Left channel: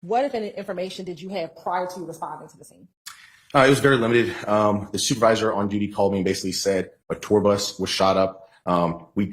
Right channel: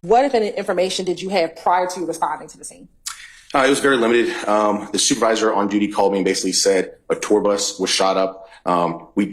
What, if any, information did you have prior to responding to the scene? It was very limited. The supervisor on duty called me and basically said a tour bus was shot up. We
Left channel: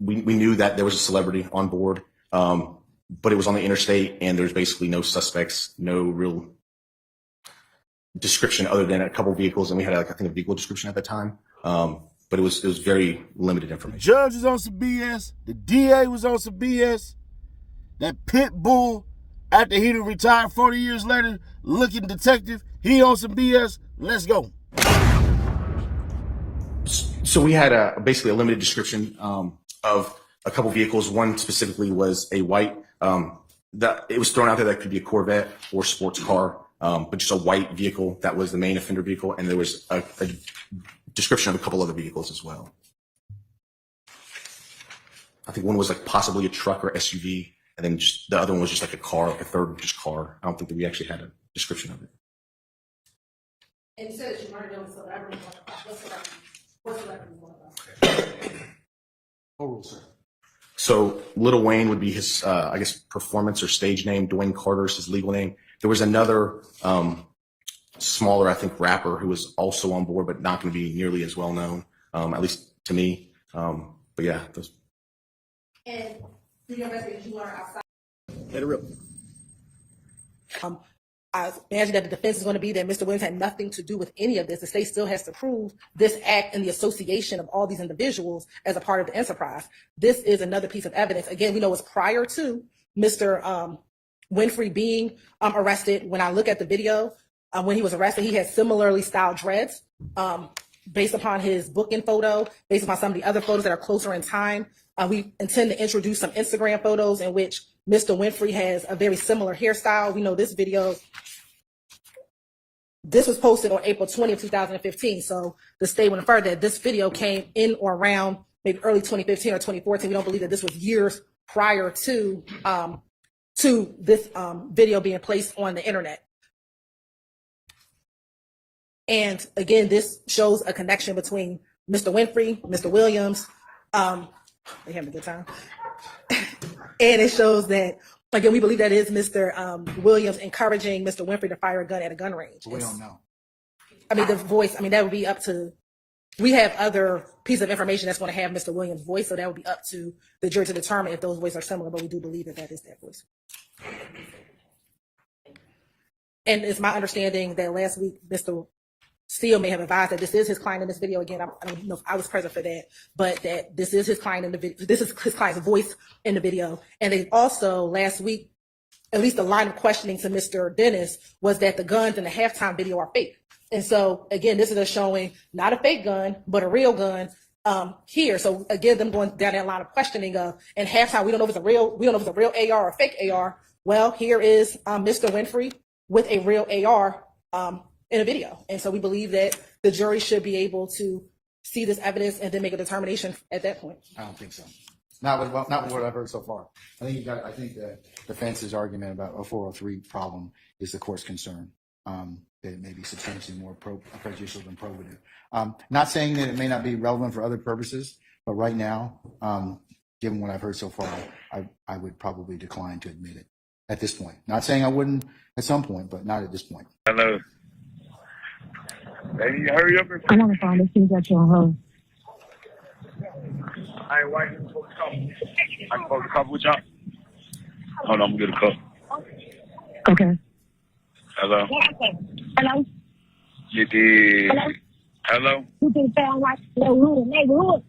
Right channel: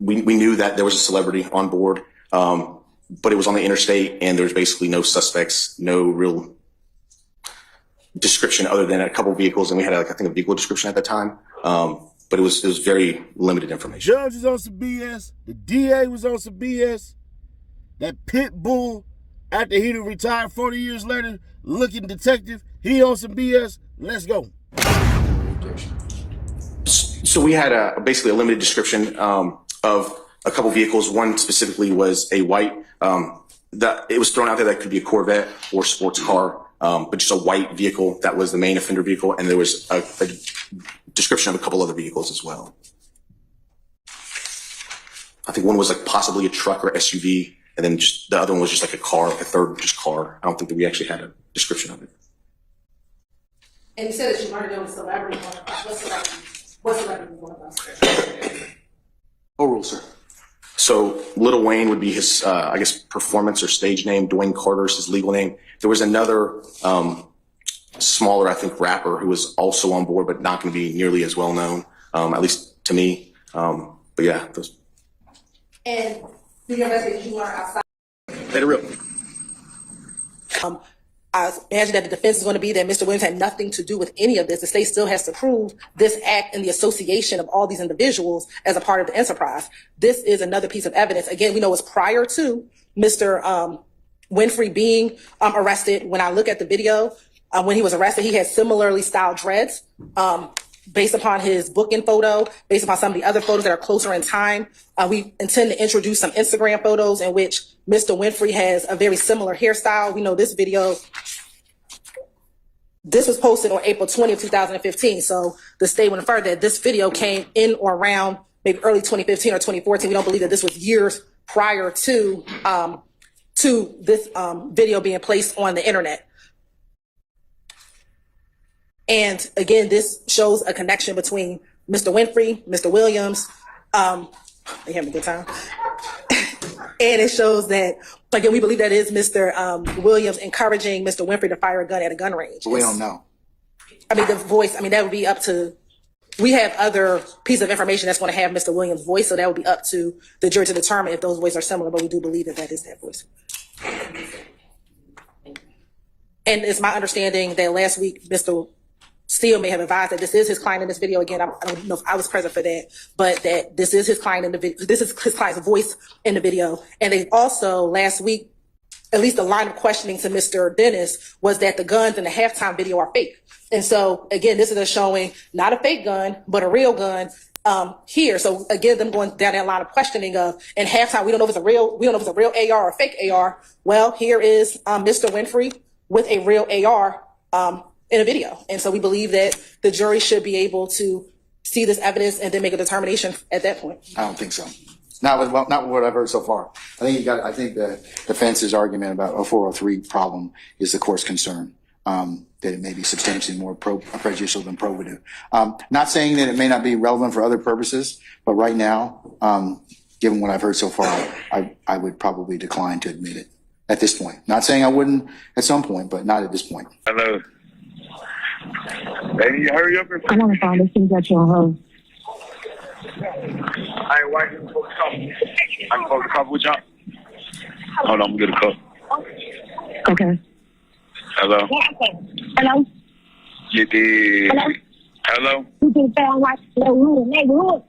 knew that there was a celebrity on board, but it was on the interstate and there was basically no suspects, no real description other than a couple of vehicles. And we had, I think, a vehicle description at the time. But it was very limited information. Judge was on some BS. The DA was on some BS. That pit bull, after he retired 40 years later, looking detective, he on some BS. Let's go. So we had basically a limited description of a couple vehicles. One specifically was a white, it was thrown out there that could be a Corvette or sports car, but just a white vehicle that was the main offender vehicle. And there was a description of a couple other vehicles as well. I think one was like possibly a truck or SUV, and then just the other one was just like a car, like a third just car. I don't think that we actually had a description of it. And you said that you wanted to know the celebrity. What celebrity was one of us? Overruled, sir. So Lil Wayne would be his, I guess, performance or stage name. Dwayne Carter is his legal name. There was another smaller, I think, rapper who was also on board, but not going to be nearly as well known, at least to me. But yeah, those. And do you investigate you learn outside? Let it rip. I imagine that the defense is going to be that Mr. Williams had nothing to do with any of this. The state still has to prove this act and the association of all these individuals as a part of the enterprise. This is another piece of evidence. Again, we know it's prior to Mr. Winfrey being arrested. When I look at the video, when he was arrested, he had similarly styled dreads. Based upon his booking photo, based upon some of the other photos that are closer in time, we intend to introduce some Instagram photos in which Mr. Winfrey has a very similar hairstyle. We know this video, this was posted on April 20th, 2015. So the state would infer that this video came in or around maybe early 2015 or 2014. We don't believe that this was years prior to this video being placed on the internet. And again, this shows a connection between Mr. Winfrey, Mr. Williams. They having a good time. And it shows that, again, we believe that is Mr. Williams encouraging Mr. Winfrey to fire a gun at a gun range. We don't know. I mean, the voice, I mean, that would be up to, we have other pieces of information that's going to have Mr. Williams' voice, so that would be up to the jury to determine if those voices are similar, but we do believe that that is that voice. And it's my understanding that last week, Mr. Steele may have advised that this is his client in this video. Again, I don't know if I was present for that, but that this is his client in the video. This is his client's voice in the video. And they also last week, at least the line of questioning to Mr. Dennis was that the guns in the halftime video are fake. And so again, this is a showing not a fake gun, but a real gun here. So again, them going down that line of questioning of in halftime, we don't know if it's a real AR or a fake AR. Well, here is Mr. Winfrey with a real AR in a video. And so we believe that the jury should be able to see this evidence and then make a determination at that point. I don't think so. Not with what I've heard so far. I think the defense's argument about a 403 problem is the court's concern, that it may be substantially more prejudicial than probative. Not saying that it may not be relevant for other purposes, but right now, given what I've heard so far, I would probably decline to admit it at this point. Not saying I wouldn't at some point, but not at this point. Hello. Baby, hurry up and I want to find this thing that you're home. I ain't watching the cup. I'm supposed to cup with y'all. Hold on, I'm gonna get a cup. Okay. Hello. Hello. You did. Hello. Hello. You can sound like the neighborhood.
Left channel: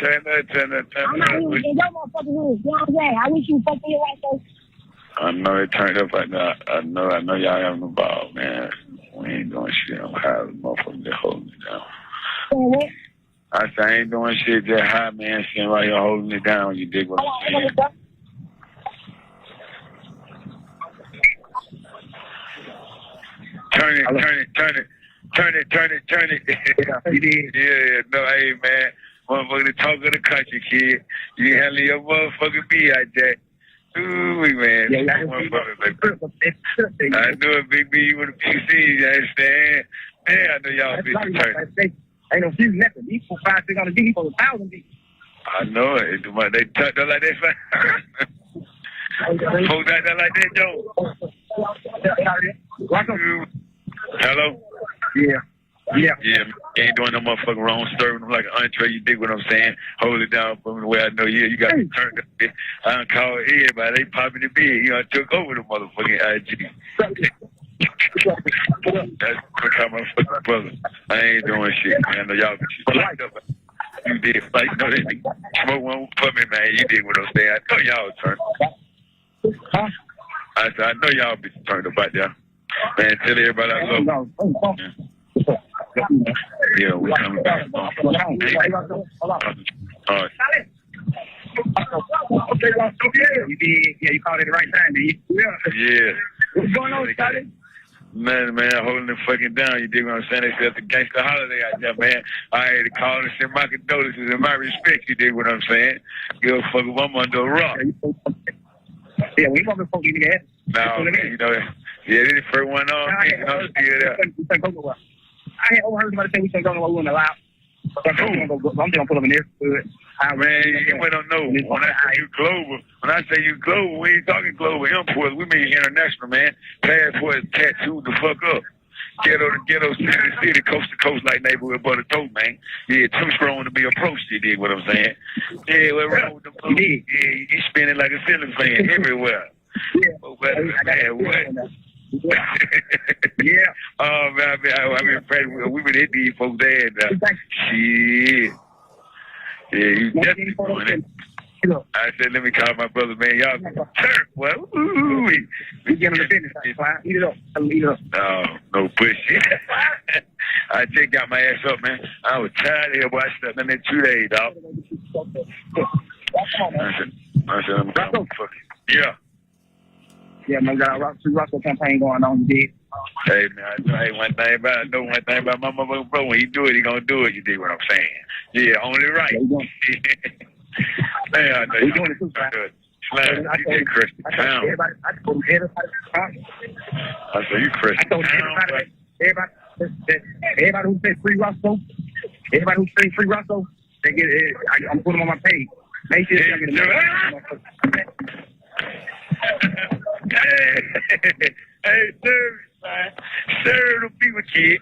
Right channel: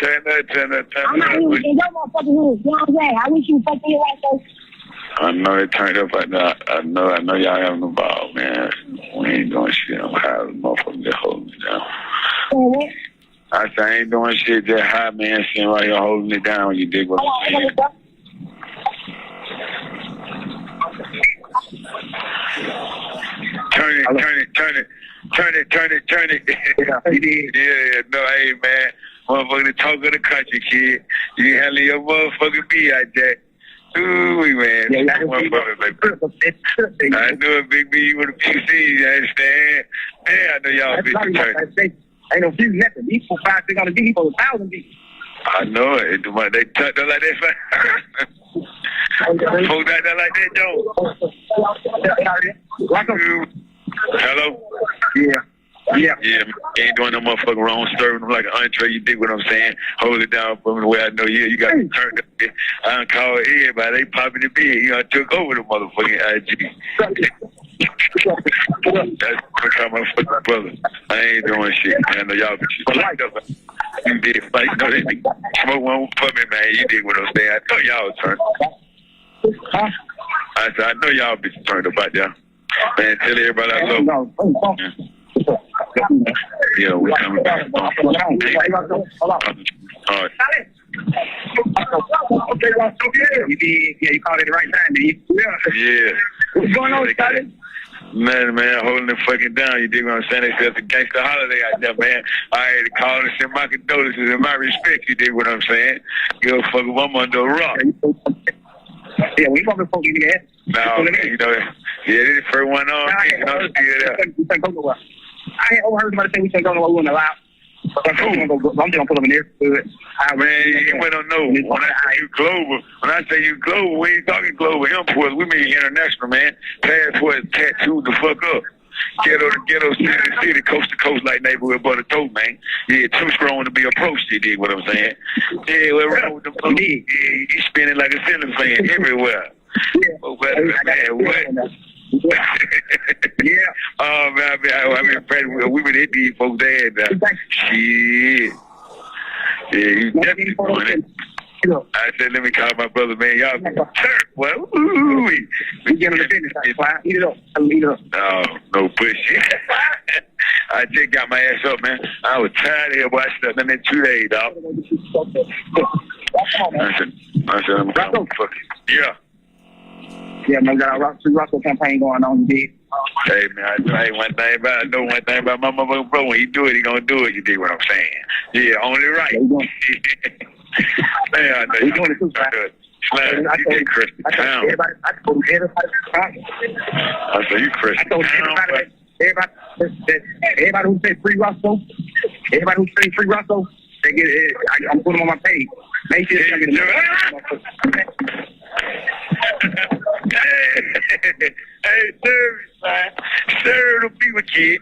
Turn it. I'm not even in your motherfucking hood. You know what I'm saying? I wish you fucking me right there. I know it turned up right now. I know y'all having a ball, man. We ain't doing shit. I'm high as a motherfucker that hold me down. I said I ain't doing shit, just high, man, sitting right here holding it down. You dig what I'm saying? Turn it. Yeah, no, hey, man. Motherfucker, the talk of the country, kid. You can handle your motherfucking beat out there. Ooh, man. Yeah, I knew it, Big B, with a few C's, you understand? Man, I know y'all bitches turn. Ain't no few nothing. These 4, 5, 600 D for 1,000 D. I know it. They tucked up like that. Folks out there like that, Joe. Hello? Yeah. Yeah. Yeah, man, you ain't doing no motherfucking wrong, serving them like an entree. You dig what I'm saying? Hold it down from the way I know you. You got to turn up. I done called everybody. They popping the bed. You know, I took over the motherfucking IG. That's because my fucking brother. I ain't doing shit, man. I know y'all be locked up. You did fight. You know, they smoke one for me, man. You dig what I'm saying? I know y'all turned. I said, I know y'all be turned up out there. Man, tell everybody I love them. Yeah, we coming back. All right. You called it the right time, did you? Yeah. What's going on, Scotty? Man, holding it fucking down. You dig what I'm saying? They said it's a gangster holiday out there, man. I had to call and send my condolences and my respect. You dig what I'm saying? Give a fuck if I'm under a rock. Yeah, we fucking fuck you there. No, man, you know, yeah, this first one on, man. You know, I ain't overheard somebody say we shouldn't go nowhere. We wouldn't allow. I'm just gonna pull up in there. Man, you went on no. When I say you global, we ain't talking global imports. We mean international, man. Passports tattooed the fuck up. Ghetto to ghetto, city to city, coast to coast, like neighborhood butter toast, man. Yeah, too strong to be approached, you dig what I'm saying? Yeah, we're wrong with the blue. Yeah, you spinning like a ceiling fan everywhere. Oh, man, what? Yeah. Oh, man, I mean, Fred, we been hit these folks there. Shit. Yeah, you definitely doing it. I said, let me call my brother, man. Y'all be turf, boy. We get him the business. Eat it up. Eat it up. No, no bullshit. I just got my ass up, man. I was tired of here, boy. I slept in there 2 days, dog. I said, I'm going to fuck it. Yeah. Yeah, man, got a free Russell campaign going on, you dig? Hey, man, I know one thing about my motherfucking bro. When he do it, he gonna do it. You dig what I'm saying? Yeah, only right. Man, I know you doing it too, Slam, you did crush the town. I told everybody. I said, you crushed the town. Everybody who said free Russell, everybody who said free Russell, they get it. I'm putting them on my page. Make sure you get it. Hey, man. Serve the people, kid.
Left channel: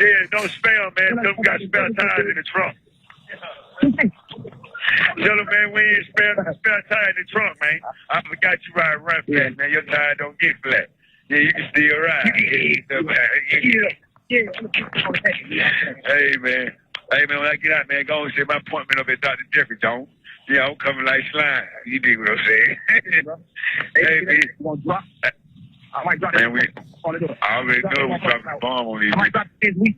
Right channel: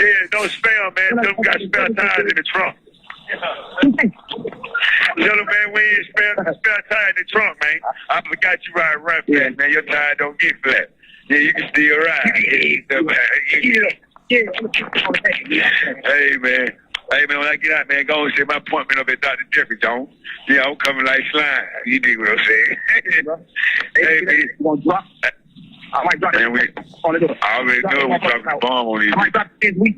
Yeah, don't spam, man. Tell them we got spare tires in the trunk. Tell them, man, we ain't spare tire in the trunk, man. I forgot you ride run flat, man. Your tire don't get flat. Yeah, you can still ride. Hey, man. Hey, man, when I get out, man, go and see my appointment up at Dr. Jeffrey Jones. Yeah, I'm coming like slime. You dig what I'm saying? Hey, man. You gonna drop? I might drop man, I already know we're dropping the bomb on these. I might drop it this week.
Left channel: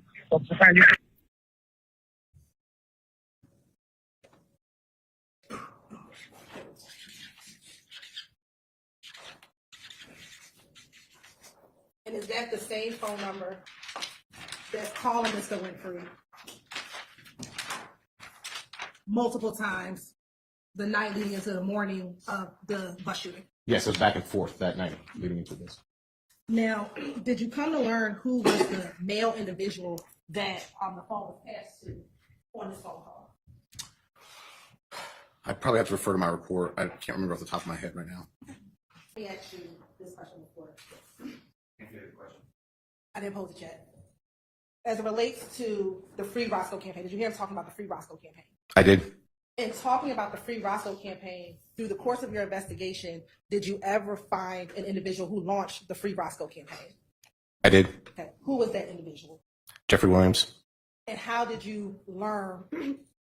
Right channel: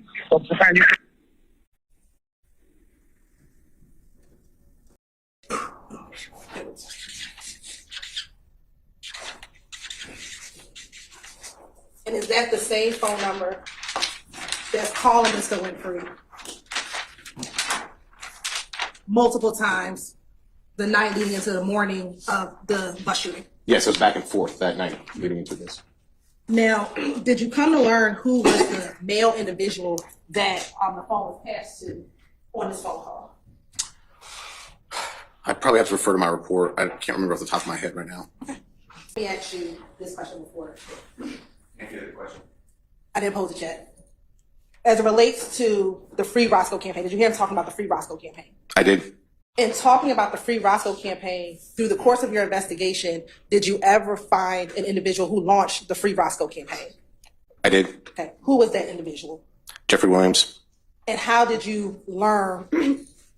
And is that the same phone number that's calling Mr. Winfrey multiple times the night leading into the morning of the bus shooting? Yes, it was back and forth that night leading into this. Now, did you come to learn who was the male individual that the phone was passed to on this phone call? I'd probably have to refer to my report. I can't remember off the top of my head right now. Let me ask you this question before. Can't get the question. I didn't pose it yet. As it relates to the Free Roscoe campaign, did you hear him talking about the Free Roscoe campaign? I did. In talking about the Free Roscoe campaign, through the course of your investigation, did you ever find an individual who launched the Free Roscoe campaign? I did. Okay. Who was that individual? Jeffrey Williams. And how did you learn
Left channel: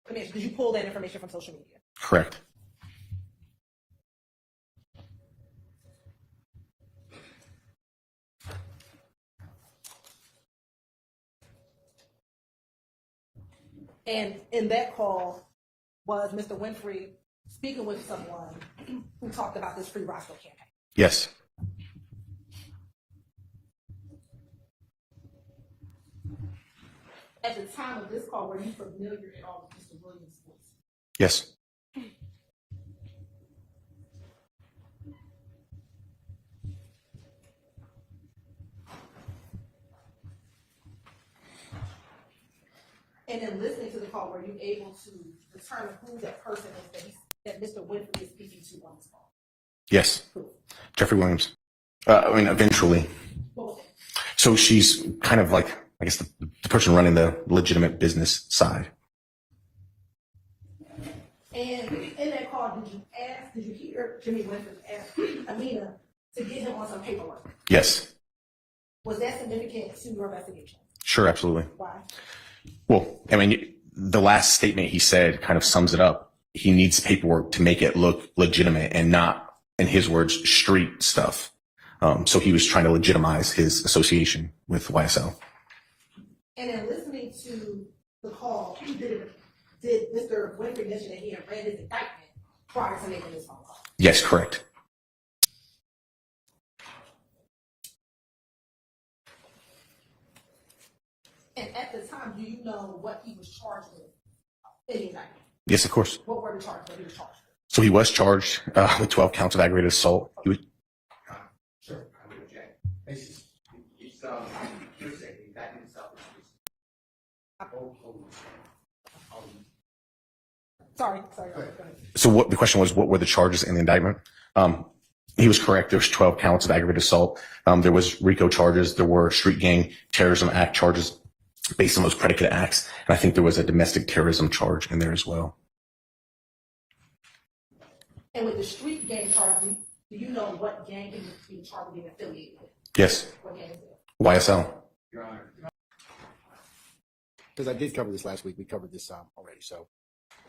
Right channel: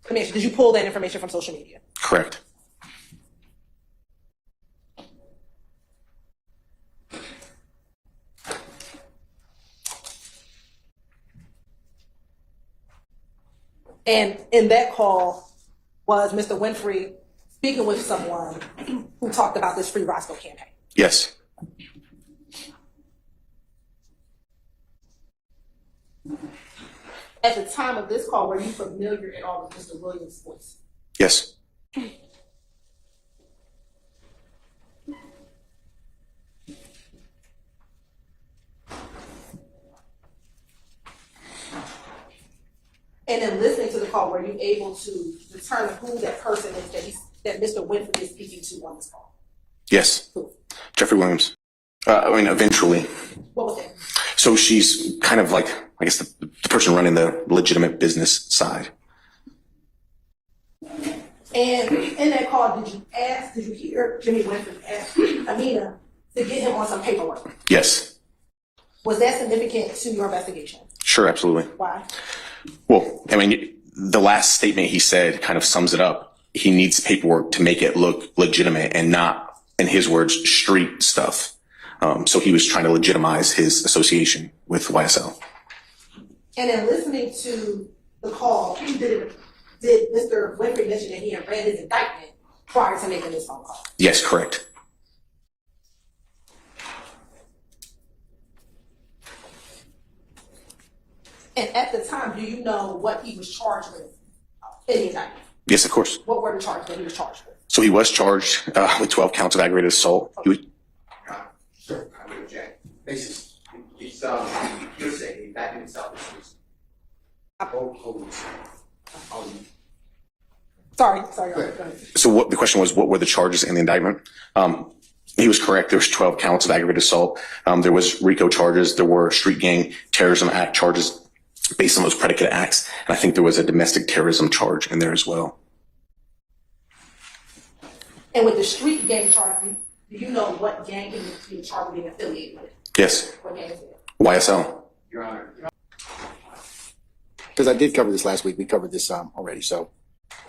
information? Did you pull that information from social media? Correct. And in that call, was Mr. Winfrey speaking with someone who talked about this Free Roscoe campaign? Yes. At the time of this call, were you familiar at all with Mr. Williams' voice? Yes. And in listening to the call, were you able to determine who that person is that Mr. Winfrey is speaking to on this call? Yes. Cool. Jeffrey Williams. Eventually. What was that? So she's kind of like, I guess, the person running the legitimate business side. And in that call, did you hear Jimmy Winfrey ask Amina to get him on some paperwork? Yes. Was that significant to your investigation? Sure, absolutely. Why? Well, the last statement he said kind of sums it up. He needs paperwork to make it look legitimate and not, in his words, street stuff. So he was trying to legitimize his association with YSL. And in listening to the call, did Mr. Winfrey mention that he had read his indictment prior to making this phone call? Yes, correct. And at the time, do you know what he was charged with in the indictment? Yes, of course. What were the charges that he was charged with? So he was charged with 12 counts of aggravated assault. He was, Sure, I would object. It's hearsay. That in itself is Sorry. Go ahead. so the question was, what were the charges in the indictment? He was correct. There was 12 counts of aggravated assault. There was RICO charges. There were Street Gang Terrorism Act charges based on those predicate acts. And I think there was a domestic terrorism charge in there as well. And with the street gang charge, do you know what gang he was charged with being affiliated with? Yes. What gang is it? YSL. Your Honor. Because I did cover this last week. We covered this already. So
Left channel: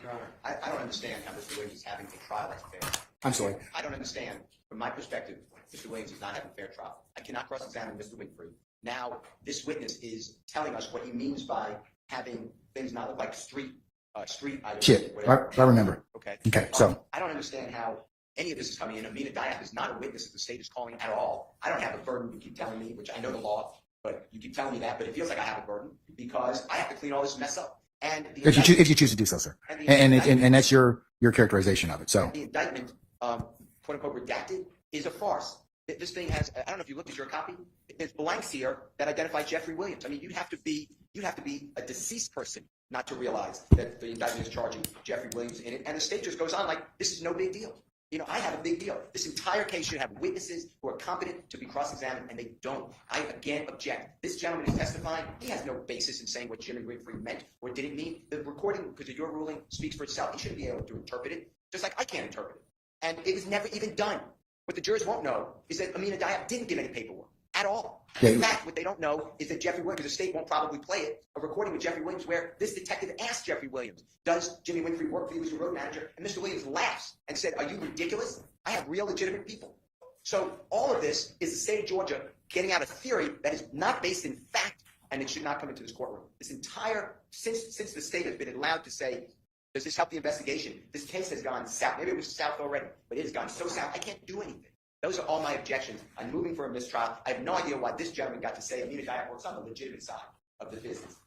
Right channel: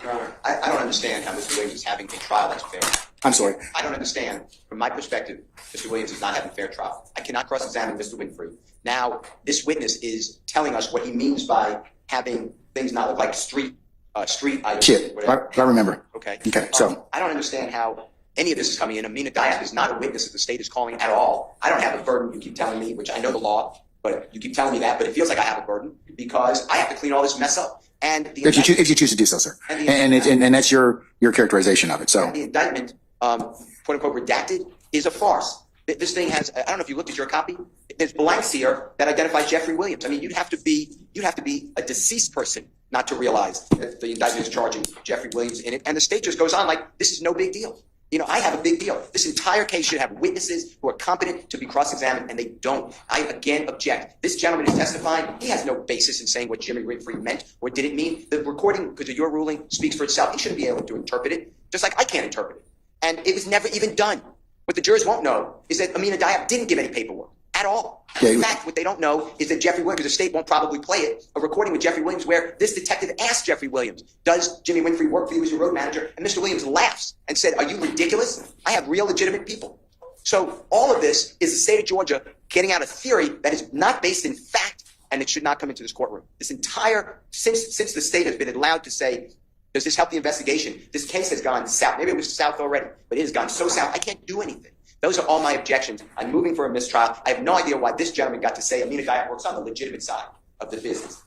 Your Honor, I don't understand how Mr. Williams is having a trial that's fair. I'm sorry. I don't understand. From my perspective, Mr. Williams is not having a fair trial. I cannot cross-examine Mr. Winfrey. Now, this witness is telling us what he means by having things not look like street items. Shit. Whatever. I remember. Okay. Okay. So I don't understand how any of this is coming in. Amina Diab is not a witness that the state is calling at all. I don't have a burden. You keep telling me, which I know the law, but you keep telling me that. But it feels like I have a burden because I have to clean all this mess up. And the if you choose to do so, sir, and that's your characterization of it. So the indictment, quote unquote, redacted, is a farce. This thing has, I don't know if you looked at your copy, there's blanks here that identify Jeffrey Williams. I mean, you'd have to be a deceased person not to realize that the indictment is charging Jeffrey Williams in it. And the state just goes on like, this is no big deal. You know, I have a big deal. This entire case should have witnesses who are competent to be cross-examined, and they don't. I, again, object. This gentleman is testifying. He has no basis in saying what Jimmy Winfrey meant or didn't mean. The recording, because of your ruling, speaks for itself. He shouldn't be able to interpret it, just like I can't interpret it. And it was never even done. What the jurors won't know is that Amina Diab didn't give any paperwork at all. In fact, what they don't know is that Jeffrey Williams, because the state won't probably play it, a recording with Jeffrey Williams where this detective asked Jeffrey Williams, does Jimmy Winfrey work for you as your road manager? And Mr. Williams laughs and said, are you ridiculous? I have real legitimate people. So all of this is the state of Georgia getting out a theory that is not based in fact, and it should not come into this courtroom. This entire, since the state has been allowed to say, does this help the investigation? This case has gone south. Maybe it was south already, but it has gone so south, I can't do anything. Those are all my objections. I'm moving for a mistrial. I have no idea why this gentleman got to say Amina Diab works on the legitimate side of the business.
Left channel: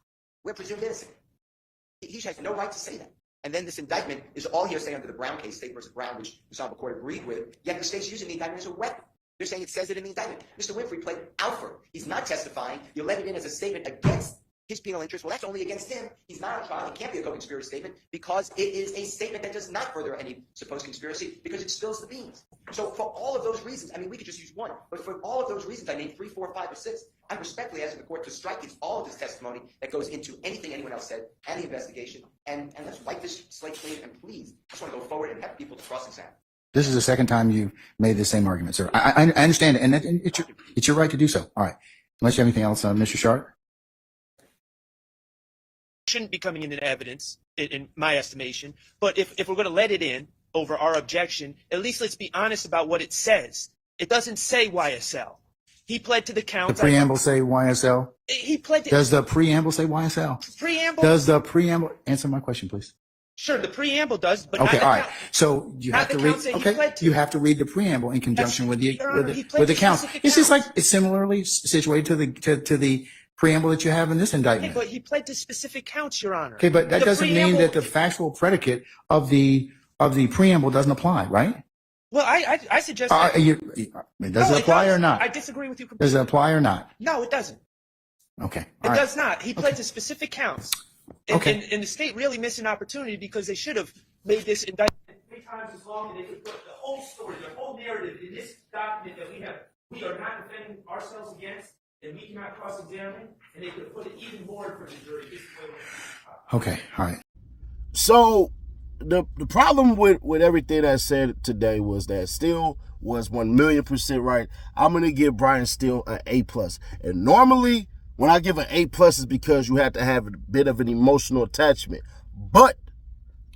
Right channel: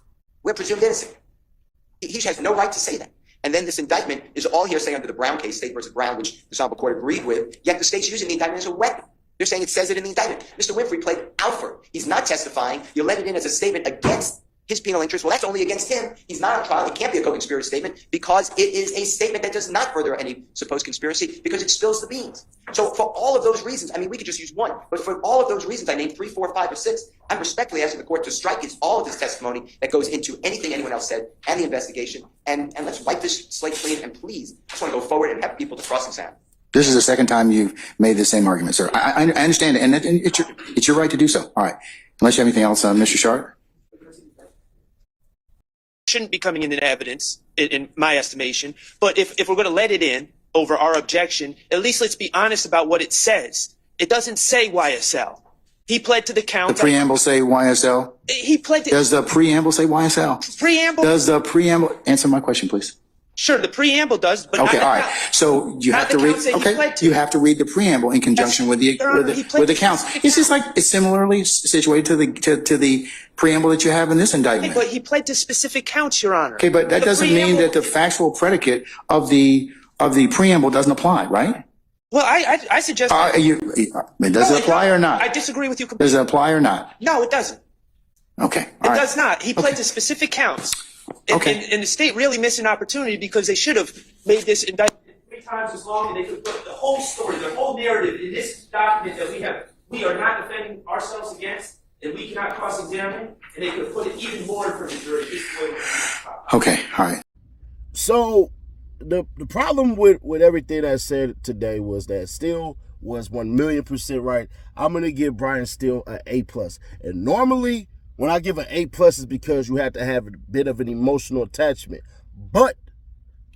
We're presumed innocent. He has no right to say that. And then this indictment is all hearsay under the Brown case, State versus Brown, which the Honorable Court agreed with, yet the state's using the indictment as a weapon. They're saying it says it in the indictment. Mr. Winfrey played Alfred. He's not testifying. You let it in as a statement against his penal interest. Well, that's only against him. He's not on trial. It can't be a co-conspiracy statement because it is a statement that does not further any supposed conspiracy because it spills the beans. So for all of those reasons, I mean, we could just use one, but for all of those reasons, I named 3, 4, 5, or 6. I'm respectfully asking the court to strike all of this testimony that goes into anything anyone else said and the investigation, and let's wipe this slate clean. And please, I just want to go forward and have people to cross-examine. this is the second time you've made the same argument, sir. I understand it, and it's your right to do so. All right. Unless you have anything else, Mr. Sharp. Shouldn't be coming into evidence, in my estimation. But if we're going to let it in over our objection, at least let's be honest about what it says. It doesn't say YSL. He pled to the count. The preamble say YSL? He pled to... Does the preamble say YSL? Preamble? Does the preamble... Answer my question, please. Sure, the preamble does, but okay, not all right. count. So you have to read. Okay, you have to read the preamble in conjunction with the counts. It's just like it's similarly situated to the preamble that you have in this indictment. Okay, but he pled to specific counts, Your Honor. Okay, but that doesn't mean that the factual predicate of the preamble doesn't apply, right? Well, I suggest. Does it apply or not? I disagree with you completely. Does it apply or not? No, it doesn't. Okay, it does not. He pled to specific counts. And the state really missed an opportunity because they should have made this indictment 3 times as long, and they could put the whole story, the whole narrative in this document that we are not defending ourselves against, and we cannot cross-examine, and they could have put it even more for the jury. Okay, all right. So the problem with everything I said today was that Steele was 1,000,000% right. I'm gonna give Brian Steele an A+. And normally when I give an A+ it's because you have to have a bit of an emotional attachment. But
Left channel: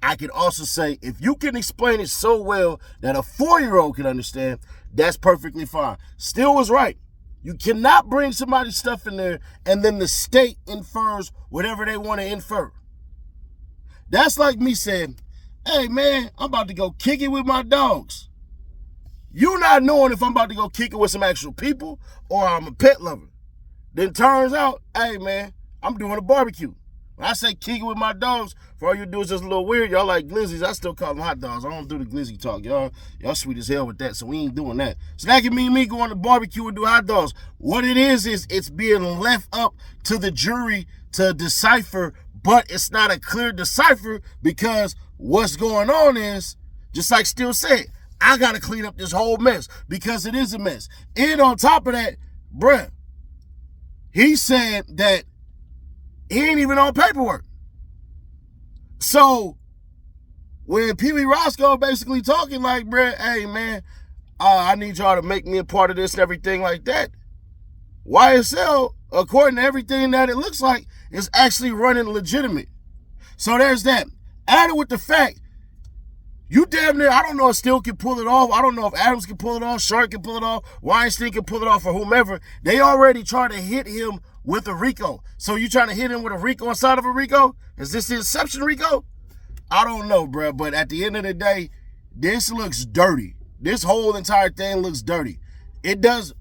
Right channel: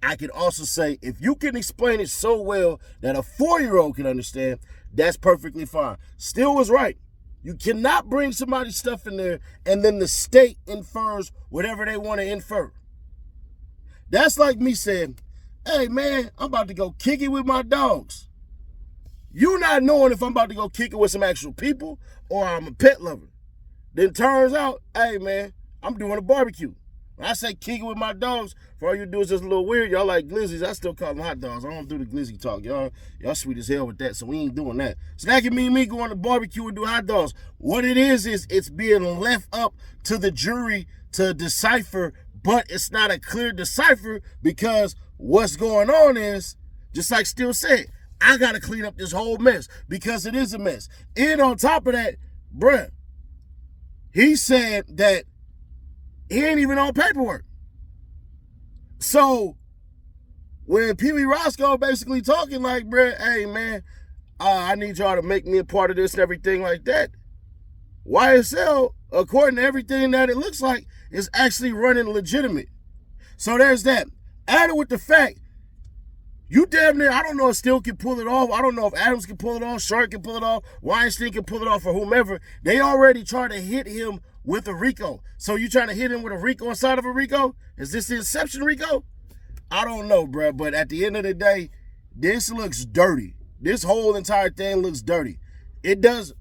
I can also say if you can explain it so well that a 4-year-old can understand, that's perfectly fine. Steele was right. You cannot bring somebody's stuff in there and then the state infers whatever they want to infer. That's like me saying, hey man, I'm about to go kick it with my dogs. You not knowing if I'm about to go kick it with some actual people or I'm a pet lover. Then turns out, hey man, I'm doing a barbecue. When I say kick it with my dogs, for all you do is just a little weird. Y'all like glizzies. I still call them hot dogs. I don't do the glizzy talk. Y'all sweet as hell with that, so we ain't doing that. So that can mean me going to barbecue and do hot dogs. What it is it's being left up to the jury to decipher, but it's not a clear decipher because what's going on is, just like Steele said, I got to clean up this whole mess because it is a mess. And on top of that, bruh, he said that he ain't even on paperwork. So when Pee Wee Roscoe basically talking like, bruh, hey man, I need y'all to make me a part of this and everything like that, YSL, according to everything that it looks like, is actually running legitimate. So there's that. Added with the fact, you damn near, I don't know if Steele can pull it off. I don't know if Adams can pull it off, Shark can pull it off, Weinstein can pull it off, or whomever. They already tried to hit him with a RICO. So you trying to hit him with a RICO inside of a RICO? Is this the Inception RICO? I don't know, bro. But at the end of the day, this looks dirty. This whole entire thing looks dirty. It doesn't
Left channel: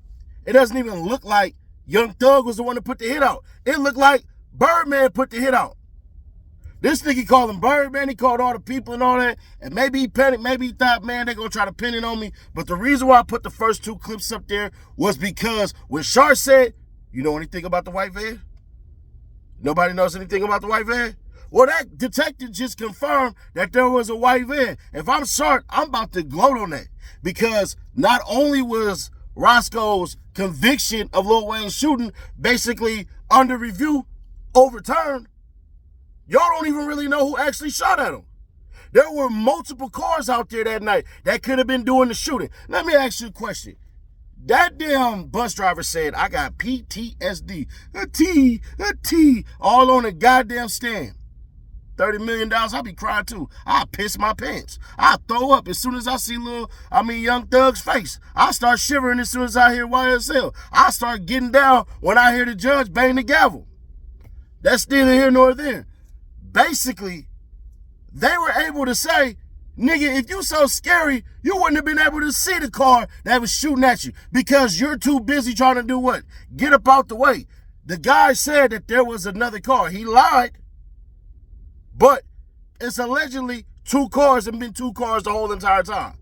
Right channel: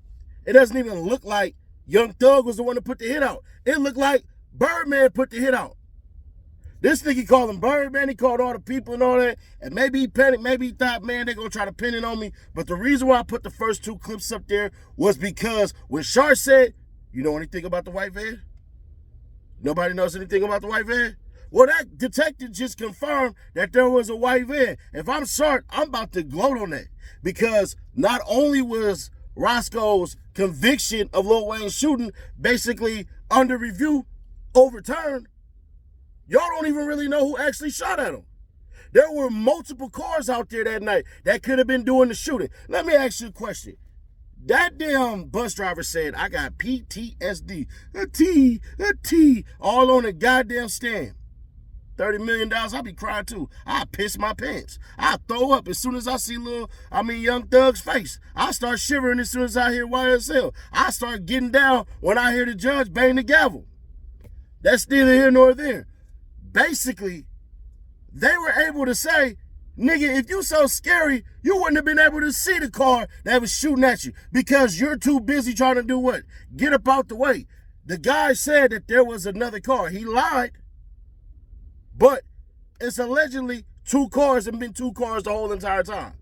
even look like Young Thug was the one to put the hit out. It looked like Birdman put the hit out. This nigga called him Birdman. He called all the people and all that. And maybe he panicked. Maybe he thought, man, they're going to try to pin it on me. But the reason why I put the first 2 clips up there was because when Shark said, you know anything about the white van? Nobody knows anything about the white van? Well, that detective just confirmed that there was a white van. If I'm Shark, I'm about to gloat on that. Because not only was Roscoe's conviction of Lil Wayne's shooting basically under review overturned, y'all don't even really know who actually shot at him. There were multiple cars out there that night that could have been doing the shooting. Let me ask you a question. That damn bus driver said, I got PTSD, a T, all on a goddamn stand. $30 million, I'll be crying too. I piss my pants. I throw up as soon as I see Young Thug's face. I start shivering as soon as I hear YSL. I start getting down when I hear the judge bang the gavel. That's neither here nor there. Basically, they were able to say, nigga, if you so scary, you wouldn't have been able to see the car that was shooting at you because you're too busy trying to do what? Get up out the way. The guy said that there was another car. He lied, but it's allegedly 2 cars and been 2 cars the whole entire time.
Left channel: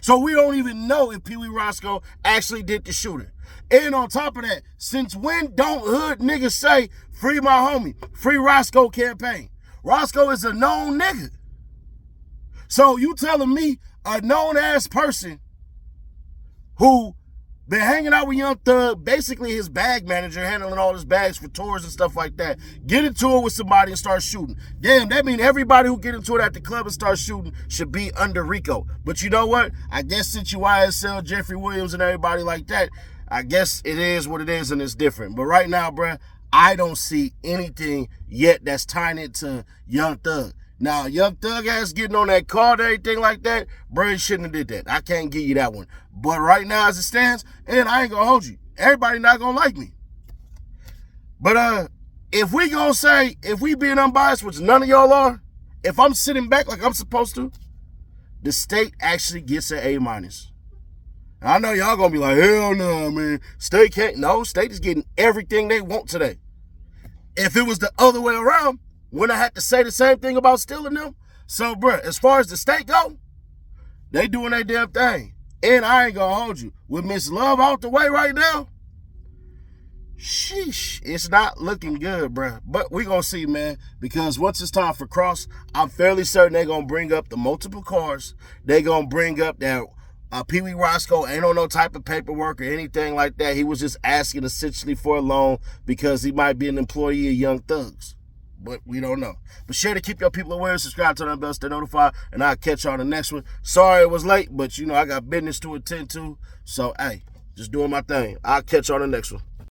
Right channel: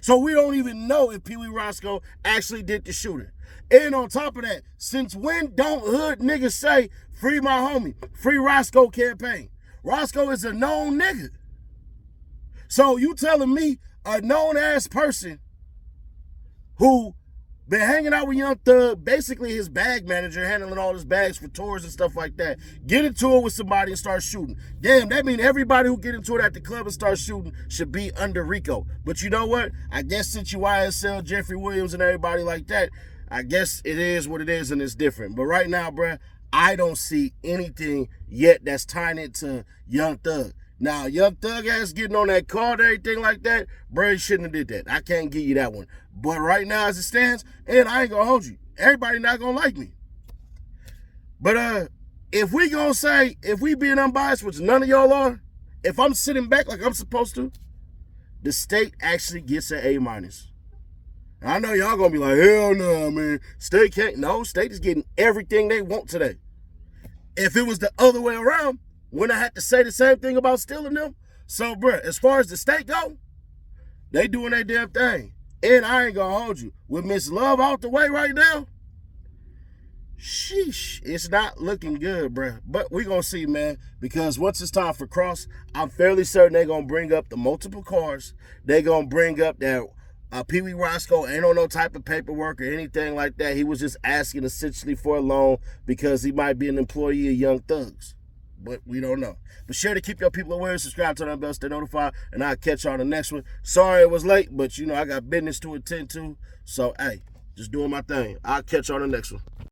So we don't even know if Pee Wee Roscoe actually did the shooting. And on top of that, since when don't hood niggas say, free my homie, free Roscoe campaign? Roscoe is a known nigga. So you telling me a known-ass person who been hanging out with Young Thug, basically his bag manager, handling all his bags for tours and stuff like that, get into it with somebody and start shooting. Damn, that means everybody who get into it at the club and start shooting should be under RICO. But you know what? I guess since you YSL, Jeffrey Williams, and everybody like that, I guess it is what it is and it's different. But right now, bruh, I don't see anything yet that's tying it to Young Thug. Now, Young Thug ass getting on that car and everything like that, bro, he shouldn't have did that. I can't give you that one. But right now as it stands, and I ain't gonna hold you, everybody not gonna like me. But if we gonna say, if we being unbiased, which none of y'all are, if I'm sitting back like I'm supposed to, the state actually gets an A-. I know y'all gonna be like, hell no, man. State can't. No, state is getting everything they want today. If it was the other way around, wouldn't I have to say the same thing about stealing them? So, bruh, as far as the state go, they doing their damn thing. And I ain't gonna hold you. With Miss Love out the way right now, sheesh, it's not looking good, bruh. But we gonna see, man, because once it's time for cross, I'm fairly certain they're gonna bring up the multiple cars. They're gonna bring up that Pee Wee Roscoe ain't on no type of paperwork or anything like that. He was just asking essentially for a loan because he might be an employee of Young Thugs. But we don't know. But sure to keep your people aware, subscribe, turn on the bell, stay notified, and I'll catch y'all on the next one. Sorry it was late, but you know I got business to attend to. So, hey, just doing my thing. I'll catch y'all on the next one.